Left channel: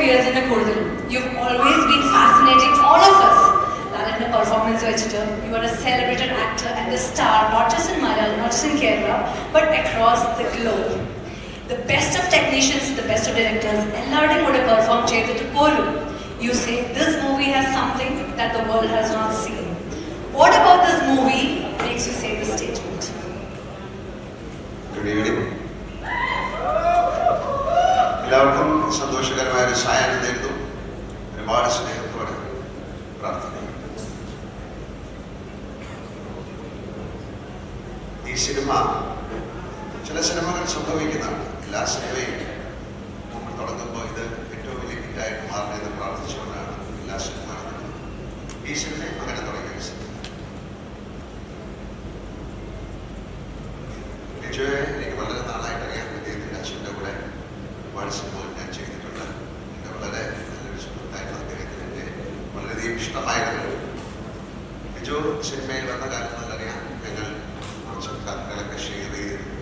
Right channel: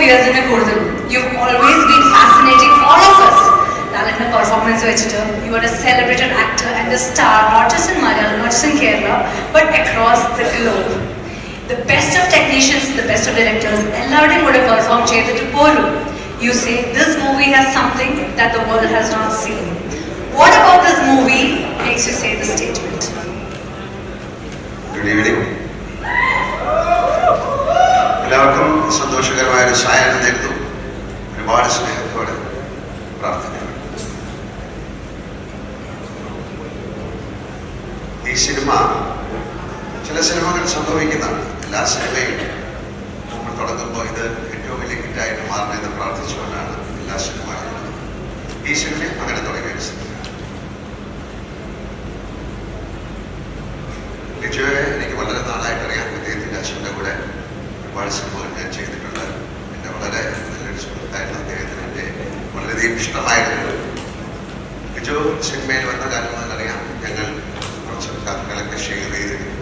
ഇയേഴ്സിന്റെ കൂടുതൽ you always been fascinating all of us ലാലന്റെ performance വെച്ചിട്ട് you are a celebrated actor and a star not just in Malayalam not just in Kerala but across the globe the best of technicians the best of directors എല്ലാവരുടെയും കൂടെ perform ചെയ്തിട്ട് പോലും you say this movie has something that the world has not seen what about this movie makes you say the statement good evening എല്ലാവർക്കും സന്തോഷകരമായ ഒരു സായാഹ്നം നേരുന്നു. ഒരുപാട് സ്നേഹത്തോടെ പ്രാർത്ഥിക്കുന്നു. ഈ സിനിമ ചില സിനിമകൾ സംഭവിക്കുന്നതാണ്. എല്ലാ സിനിമയും നമ്മൾ തുടങ്ങുമ്പോൾ ഇത് ഏറ്റവും വലിയ ഹിറ്റായിട്ട് മാറണമെന്ന് പ്രാർത്ഥിച്ചുകൊണ്ടാണ് എല്ലാ സിനിമകളും ഈ സിനിമയും അങ്ങനെ തുടങ്ങിയ ഒരു സിനിമ ലിജോയെ എനിക്ക് വളരെ നാളായിട്ട് അറിയാം അദ്ദേഹത്തിന്റെ അച്ഛന്റെ കൂടെ ഒരുപാട് സിനിമകൾ ഞാൻ ചെയ്തിട്ടുണ്ട് എന്റെ വളരെ നല്ലൊരു സുഹൃത്തായിരുന്നു അദ്ദേഹത്തിന് എന്റെ വളരെയധികം ഇഷ്ടമായിരുന്നു. ലിജോ സിനിമയിൽ വന്ന കാലം മുതൽ ഞങ്ങൾ കുറച്ച് കഥകളൊക്കെ ഷെയർ ചെയ്തിരുന്നു.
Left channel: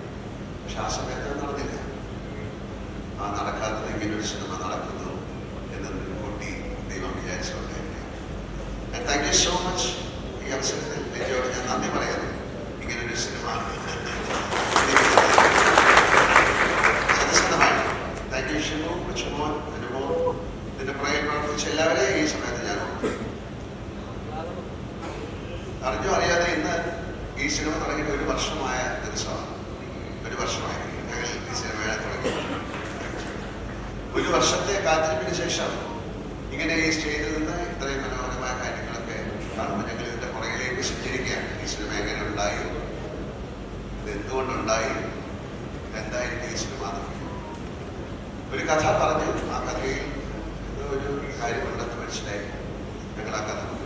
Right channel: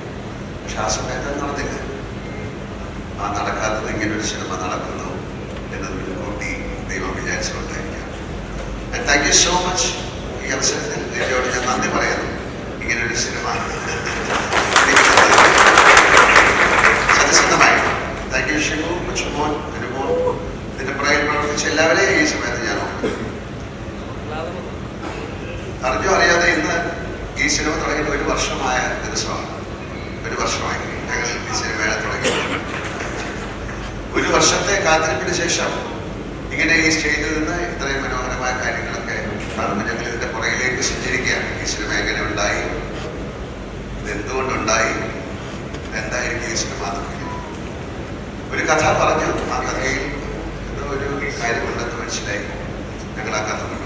പക്ഷെ ആ സമയത്ത് നടന്നില്ല. ആ നടക്കാത്തത് ഇങ്ങനൊരു സിനിമ നടക്കുന്നു എന്ന് മുൻകൂട്ടി ദൈവം വിചാരിച്ചുകൊണ്ടായിരിക്കാം. താങ്ക് യു സോ മച്ച് ഈ അവസരത്തിൽ ലിജോയോട് ഞാൻ നന്ദി പറയുന്നു ഇങ്ങനൊരു സിനിമ സത്യസന്ധമായി താങ്ക് യു ഷിമു കൊച്ചുമോൻ അനുമോൻ ഇതിന്റെ പുറകിൽ പ്രവർത്തിച്ച എല്ലാവരെയും ഈ സമയത്ത് ഞാൻ ഓർക്കുന്നു അറിഞ്ഞോ അറിയാതെ ഇന്ന് ഈ സിനിമ തുടങ്ങിയിട്ട് ഒരു വർഷമായ ദിവസമാണ് ഒരു വർഷമായി. ഞങ്ങൾ ഈ സിനിമ തുടങ്ങി. ഒരു വർഷത്തെ കാത്തിരിപ്പിന് ശേഷം ഇങ്ങനെ ഈ സ്റ്റേജിൽ നിന്ന് ഇത്രയും മനോഹരമായ കാര്യങ്ങളൊക്കെ കാരണം ഞങ്ങൾ ഇതിന്റെ പുറകിലേക്ക് സഞ്ചരിക്കുകയാണ്. ഈ സിനിമ എങ്ങനെ ഉണ്ടായി? ഇതെന്തുകൊണ്ടുണ്ടായി എന്തായിരിക്കും ഈ സിനിമ. ഒരു കഥ പറഞ്ഞു. ആ കഥയിൽ ഒരു കാര്യമുണ്ടെന്ന് മനസ്സിലായി. ഞങ്ങൾ ആ കഥ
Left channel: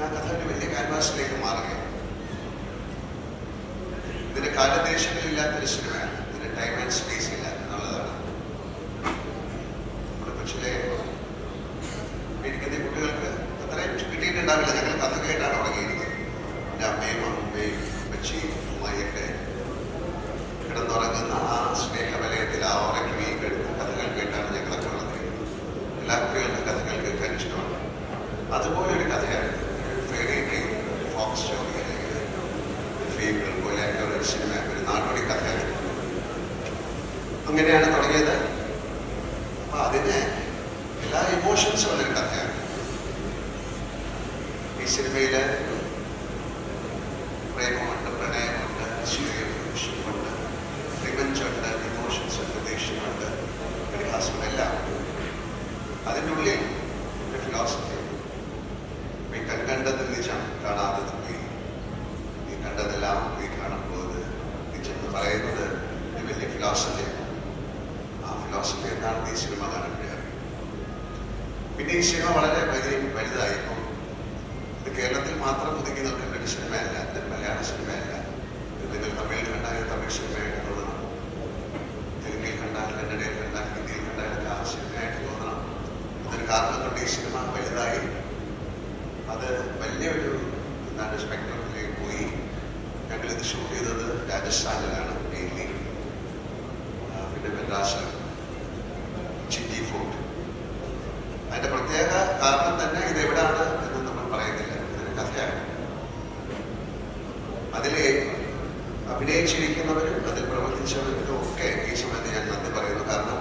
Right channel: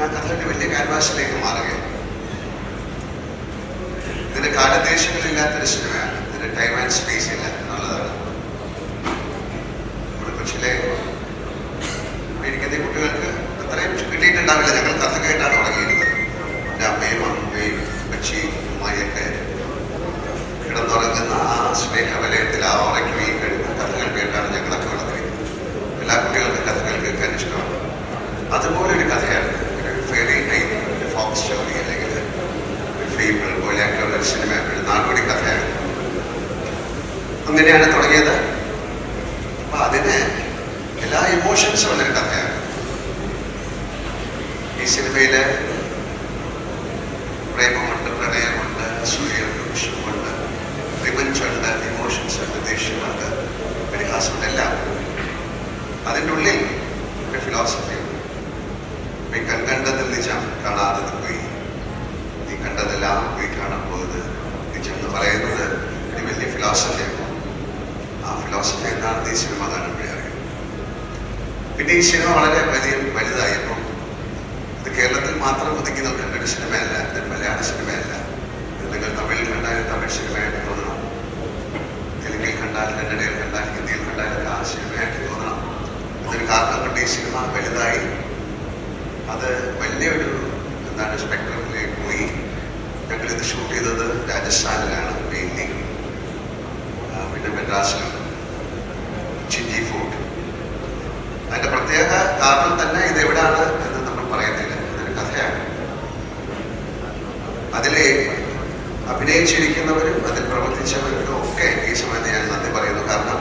ആ കഥ ഒരു വലിയ ക്യാൻവാസിലേക്ക് മാറുകയാണ്. ഇതിന് കാലദേശങ്ങളില്ലാത്തൊരു സിനിമയാണ്. ഇതിന് ടൈം ആൻഡ് സ്പേസ് ഇല്ല ഇമോഷൻസും ഉള്ളൊരു കഥയാണ്. ഈ സിനിമയിൽ പ്രേമമുണ്ട് പ്രണയമുണ്ട് അസൂയുണ്ട് വിഷമുണ്ട് റിവഞ്ചുണ്ട് ഇമോഷൻസ് ഉണ്ട് ദേഷ്യമുണ്ട് പരിഹാസം എല്ലാം അതിന്റെ ഉള്ളിൽ ഒരു ഫിലോസഫി ഉണ്ട്. നീ കണ്ടതിൽ നിജം കാണാതെ പോയി നീ കണ്ടതെല്ലാം പോയി കാണാൻ പോയത് നിജം എന്ന് പറയുന്നത് ഒരു വലിയ ഫിലോസഫിയാണ് ആ ഫിലോസഫി എന്താണ്? ഈ സിനിമ കാണുമ്പോഴേ പിന്നെ ഈ സിനിമ വളരെ വലിയ വലുതായപ്പോൾ ഇത് കേരളത്തിൽ മാത്രം ഒതുക്കി നിൽക്കേണ്ട സിനിമയല്ല ഇത് മലയാള സിനിമയല്ല. നിങ്ങൾ തമിഴിൽ കണ്ടാൽ തമിഴ് സിനിമയായിട്ട് തോന്നണം. തെലുങ്കിൽ കണ്ടാൽ കന്നഡയിൽ കണ്ടാൽ ഹിന്ദിയിൽ കണ്ടാൽ ആ സിനിമയായിട്ട് തോന്നണം. ഇതൊരു കാരണം കൊണ്ട് ഈ സിനിമ വലുതായി. അത് വലിയൊരു എന്താണ് സ്പെക്ട്രമിലേക്ക് പോയി. ഞങ്ങളിത് ഷൂട്ട് ചെയ്തത് രാജസ്ഥാനിലാണ് മെയിൻലി പിന്നെ മെഡ്രാസിലും. ചിഞ്ചി ഫോർട്ട്. അതിന്റെ പ്രത്യേക കാരണം തന്നെ ഇത് എവിടാണ് എന്ന് നമ്മൾ പറയുന്നില്ല. ഇതൊരു കഥയാണ്. അതിലെ അഭിനയിച്ചിരിക്കുന്നവരും അതിൽ പ്രവർത്തിച്ചവരും ഒക്കെ ഈ സമയത്ത് ഞാൻ നന്ദി പറയുന്നു. കാരണം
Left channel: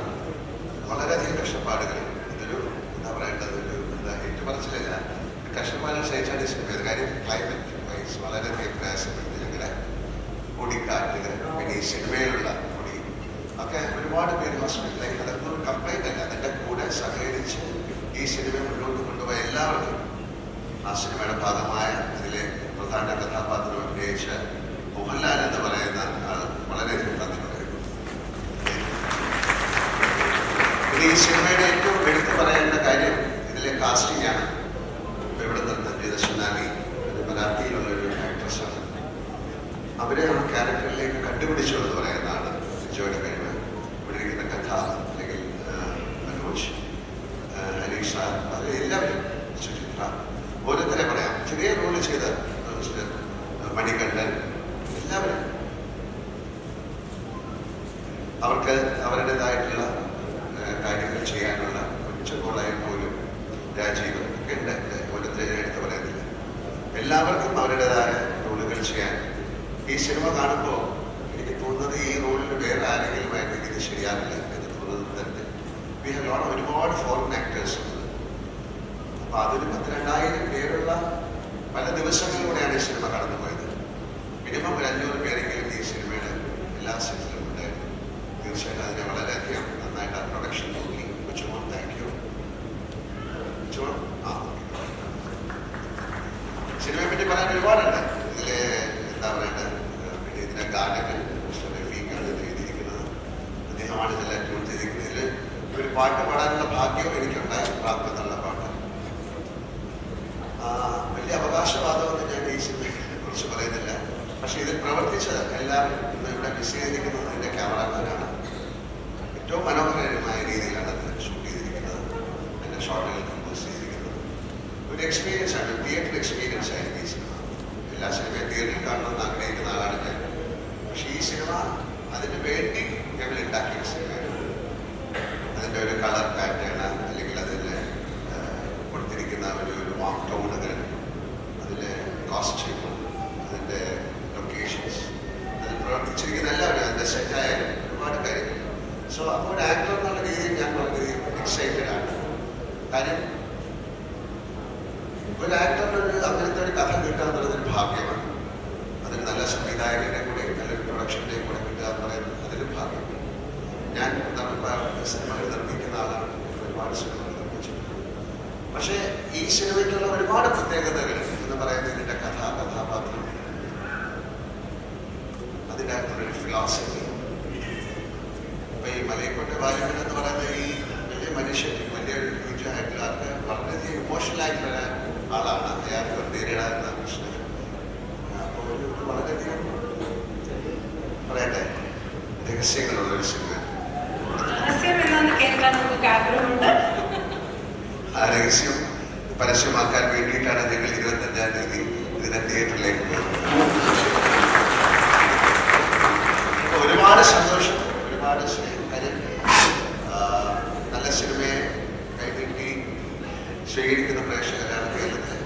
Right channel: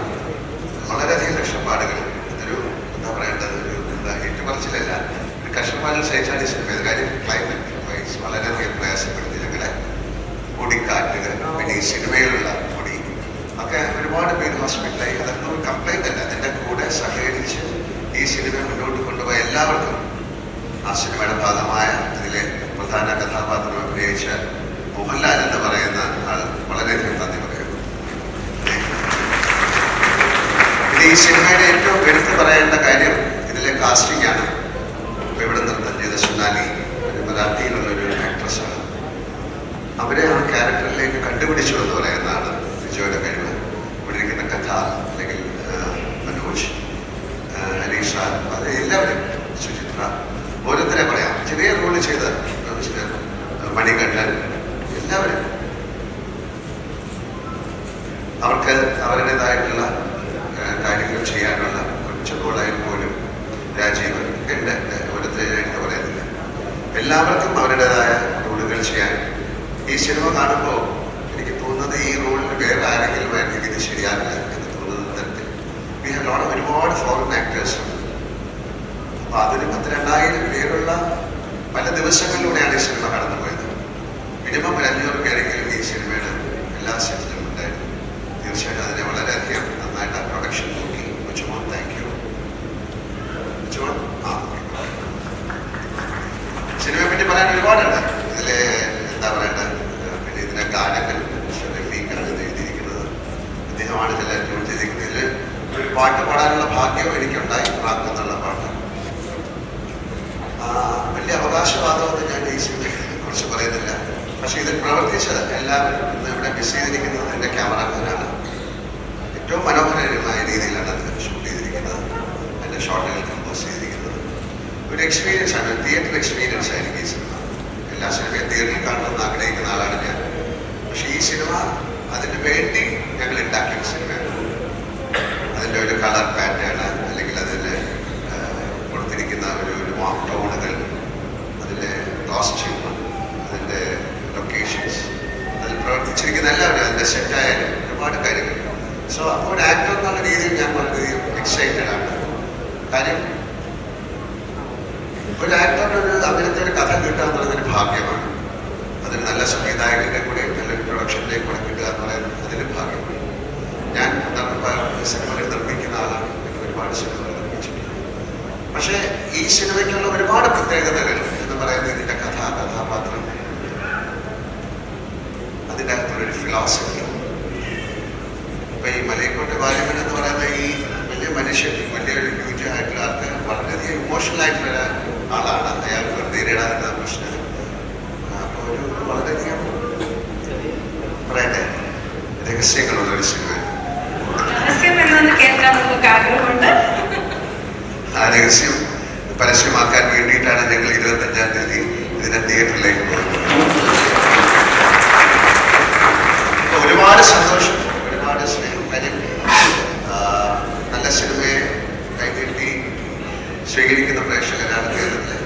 വളരെയധികം കഷ്ടപ്പാടുകൾ ഇതൊരു എന്താ പറയേണ്ടത്? ഒരു എന്താ ഏറ്റുപറച്ചിലല്ല. ഒരു കഷ്ടപ്പാടുകൾ സഹിച്ചാണ് ഈ സിനിമ കാര്യം ക്ലൈമറ്റ് വൈസ് വളരെയധികം പ്രയാസപ്പെടുത്തി ഞങ്ങളെ പൊടിക്കാറ്റുകൾ പിന്നെ ഈ സിനിമയിലുള്ള പൊടി ഒക്കെ ഒരുപാട് പേര് ഹോസ്പിറ്റലായി അതൊന്നും ഒരു കംപ്ലൈന്റ് അല്ല. അതിന്റെ കൂടെ സഹകരിച്ച് ഈ സിനിമ മുന്നോട്ട് കൊണ്ടുപോയ എല്ലാവർക്കും ആ സിനിമയുടെ ഭാഗമായ ഇതിലെ പ്രധാന കഥാപാത്രം അഭിനയിച്ച മോഹൻലാൽ എന്ന് പറയുന്ന ആൾ വളരെയധികം നന്ദി പറയുന്നു. ഇത് ഈ സിനിമയുടെ ഏറ്റവും എടുത്തു പറയേണ്ട കാര്യം ഇതിലെ കാസ്റ്റിംഗ് ആണ്. ഇവിടെ നൃത്തം ചെയ്ത സുനാലി ഒരു മറാഠിയിലുള്ള ഒരു ആക്ട്രസ്സാണ് അവരെ ആ ക്യാരക്ടറിലേക്ക് കണ്ടുപിടിച്ചു എന്ന് പറയുന്നതാണ് വിജയുടെ കഴിവ്. ഇവിടെ ഇരിക്കുന്ന കഥ അല്ലെങ്കിൽ ആ, മനോജ് ആ, അലീഷ അത് എല്ലാവരും സുചിത്ര ഓരോരുത്തരെ പറയാം. ചെറിയ റോൾ ചെയ്ത മണികണ്ഠൻ എല്ലാവരും അവർക്ക് അവരുടേതായിട്ടുള്ള കാര്യങ്ങൾ ചെയ്യാനുള്ള ഗോളായാൽ പോലും രാജീവ് എന്റെ ഓരോരുത്തരെ എടുത്ത് പറയുന്നില്ല. എല്ലാവർക്കും അവരുടേതായ റോളുകൾ ചെയ്യാൻ ഈ സിനിമ കാണുമ്പോൾ അപ്പൊ അതിന് പത്തിരണ്ടായിരം പേരുള്ള പല ദിവസങ്ങളിലൂടെയാണ് ഈ സിനിമ കടന്നുപോയത്. മിനിമം ഒരു അഞ്ഞൂറ് പേരെങ്കിലും ഈ സിനിമയുടെ എല്ലാ സെറ്റിലും ഉണ്ടായിരുന്നു. തീർച്ചയായിട്ടും അതിനെ വളരെയധികം നന്നായിട്ട് ആ പ്രൊഡക്ഷൻ നോക്കി. മുച്ചുമോൻ താങ്ക് യു മുച്ചുമോൻ ആ. സിനിമയെ പറ്റി പറയാൻ ഒരുപാടുണ്ട്. ഇതിലെ എന്താ പറയണ്ടത് പിന്നെ ഇതിന്റെ ഗാനങ്ങൾ റഫീഖാണ് ഇത് എഴുതിയിരിക്കുന്നത്. അദ്ദേഹമാണ് ഇതെല്ലാം ട്യൂൺ ചെയ്തിരിക്കുന്നത്. ഇതിൽ ഒരു പാട്ട് പാടാനുള്ള ഭാഗ്യവും എനിക്കുണ്ടായി. പ്രാർത്ഥന എന്നുള്ള പാട്ട്. വലിയ അവകാശവാദമൊന്നും ഞാൻ ദേശീയത്തെ കുറിച്ച് പറയുന്നില്ല. പക്ഷേ ഇതിൽ പ്രവർത്തിച്ച് എല്ലാവരും ഇന്ന് ഇവിടെ മിസ് ചെയ്തിരിക്കുന്നത് എന്റെ ക്യാമറാമാനാണ് ഏറ്റവും മനോഹരമായ രീതിയിലാണ് അത് ഷൂട്ട് ചെയ്തിരിക്കുന്നത്. എന്റെ ഷോട്ടുകൾ കമ്പോസ് ചെയ്തിരിക്കുന്നത്. ഒരു എക്സ്പീരിയൻസ് ആണ് തിയേറ്റർ എക്സ്പീരിയൻസ് ആയിരിക്കും ഈ സിനിമ എല്ലാ സിനിമയും തിയേറ്ററിൽ കാണണമെന്ന് ആഗ്രഹിക്കുന്ന ആളാണ് ഞാൻ. പക്ഷേ ഈ സിനിമ അതിന് വേണ്ടി ഞങ്ങൾ ഉണ്ടാക്കിയ സിനിമയാണ് അതിന്റെ ഒരു കളർ പാറ്റേൺ അല്ലെങ്കിൽ അതിൽ കൊടുത്തിരിക്കുന്ന ഒരു ഒരു വാം ടോണുകൾ അതിന്റെ കോസ്റ്റ്യൂം അതിന്റെ ലൊക്കേഷൻസ് അതിൽ പ്രവർത്തിച്ചിരിക്കുന്ന അതിന്റെ സെറ്റായാലും ഒരുപാട് കാര്യങ്ങൾ. സോ ഒരു ആക്ടർ എന്നുള്ള രീതിയിൽ ഞാൻ വളരെയധികം എക്സൈറ്റഡ് ആണ്. കാര്യം ഒരു ആക്ടറിന് ഒരു അങ്ങനത്തെ ഒരു കഥ കിട്ടുക എന്നുള്ളതൊരു ഭാഗ്യമാണ്. അതിന് നല്ല സംവിധായകന്റെ കൂടെ നല്ലൊരു പ്രൊഡക്ഷന്റെ കൂടെ കിട്ടുക എന്ന് പറയുന്നത് അതിലും ഭാഗ്യമാണ്. ഞാൻ സിനിമകൾ നിർമ്മിക്കുന്ന ആളാണ്. എനിക്ക് ഒരുപാട് സിനിമകൾ നിർമ്മിച്ചിട്ടുണ്ട്. പക്ഷേ ഈ സിനിമയ്ക്കുള്ള ഒരുപാട് പ്രത്യേകതകൾ എന്ന് പറയുന്നത് ഇതിന്റെ കഥ കഥാപാത്രം അതിന്റെ അകത്തുള്ളൊരു ഫിലോസഫി അപ്പൊ ഈ മലയക്കോട്ടെ ബാല്യമൻ എന്ന് പറയുന്ന ഈ വലിയ മനുഷ്യൻ വലിയ ഹ്യൂജ് ആയിട്ടുള്ള ആൾക്ക് വളരെയധികം ഇമോഷണൽ ആയിട്ടുള്ള ആളാണ് അയാൾക്ക് നേരിടാനുള്ള പ്രശ്നം അപ്പോൾ ഒരു വളരെയധികം പറയട്ടെ? രഹസ്യങ്ങളുള്ള ഒരു സിനിമ. ആ രഹസ്യം പരസ്യമാക്കാൻ വേണ്ടിയിട്ടാണ് ഞങ്ങൾ ഇരുപത്തഞ്ചാം തീയതി ഇതിനെ തിയേറ്ററിലേക്ക് പോകുന്നത് അപ്പൊ ഒരുപാട് സന്തോഷം ഒരുപാട് സ്നേഹം കാര്യം ആ, നല്ല സിനിമയെ കൈനീട്ടി സ്വീകരിക്കുന്ന പ്രേക്ഷകരാണ് കേരളത്തിൽ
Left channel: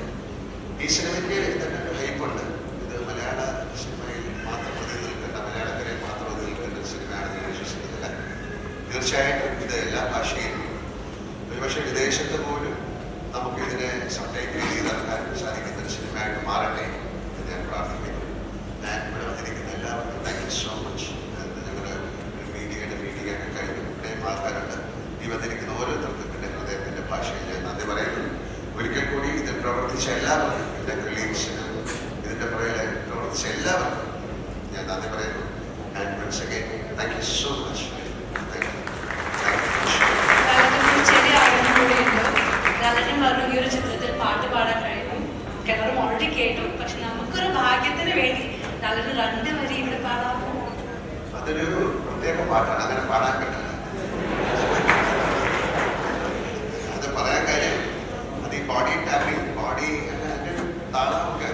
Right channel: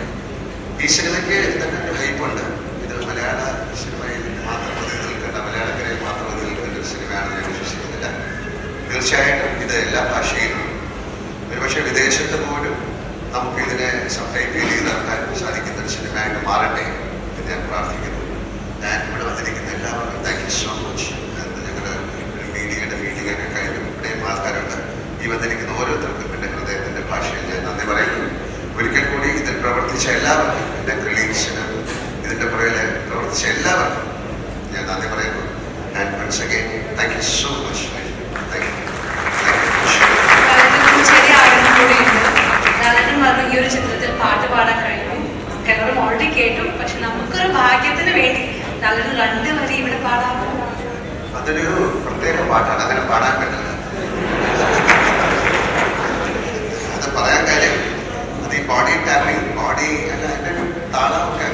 ഈ സിനിമയ്ക്ക് ഒരു ഹൈപ്പുണ്ട് ഇത് മലയാള സിനിമയിൽ മാത്രം നിൽക്കേണ്ട മലയാളക്കരയിൽ മാത്രം നിൽക്കേണ്ട ഒരു സിനിമയാണ് ഞാൻ വിശ്വസിക്കുന്നില്ല. തീർച്ചയായിട്ടും ഇത് എല്ലാ ഭാഷയിലും. ഒരുപക്ഷെ വിദേശത്ത് പോലും നമുക്ക് ഇതിനെ ചെയ്ത് ഇറക്കാൻ സാധിക്കുന്ന ഒരു സിനിമയായിട്ട് മാറട്ടെ എന്ന് ഞാൻ പ്രാർത്ഥിക്കുന്നു ഞാൻ ഇവിടെ വന്നിരിക്കുന്ന എല്ലാവർക്കും താങ്ക് യു സോ മച്ച് ഞങ്ങളുടെ ഒരു മീഡിയയുടെ മീറ്റിംഗ് ഒക്കെ കഴിഞ്ഞു ഇവിടെയും ആൾക്കാരുണ്ട് ഈ വന്നിരിക്കുന്ന ഓരോരുത്തർക്കും എന്റെ ഹൃദയത്തിന്റെ ഭാഷയിൽ ഞാൻ നന്ദി പറയുന്നു ഒരിക്കൽ കൂടി ഇതിൽ പ്രവർത്തിച്ച എല്ലാവർക്കും എന്റെ കൊളീഗ്സിന് ഇതിന്റെ പുറകിൽ പ്രവർത്തിച്ച എല്ലാവർക്കും ഞാൻ നന്ദി പറയുന്നു and again. Thank you so much. Much you. ഈ ഒരു ചിത്രത്തിൽ പാട്ട് പാടാൻ കഴിഞ്ഞു. എല്ലാവരും ഓൾറെഡി കേട്ടു. പക്ഷെ നമുക്കൊരു ഭാഗ്യത്തിന് വേണ്ടി രണ്ട് വരി ഇവിടെ പാടാമോ അതൊരു പ്രത്യേക പാട്ടാണ്. അങ്ങനെ പാടാൻ പറ്റില്ല. അത് പറയാൻ കാര്യം അത് ഈ ബോഡി ടാപ്പിംഗ് ബോഡി അല്ല അതിന്റെ താളമൊക്കെ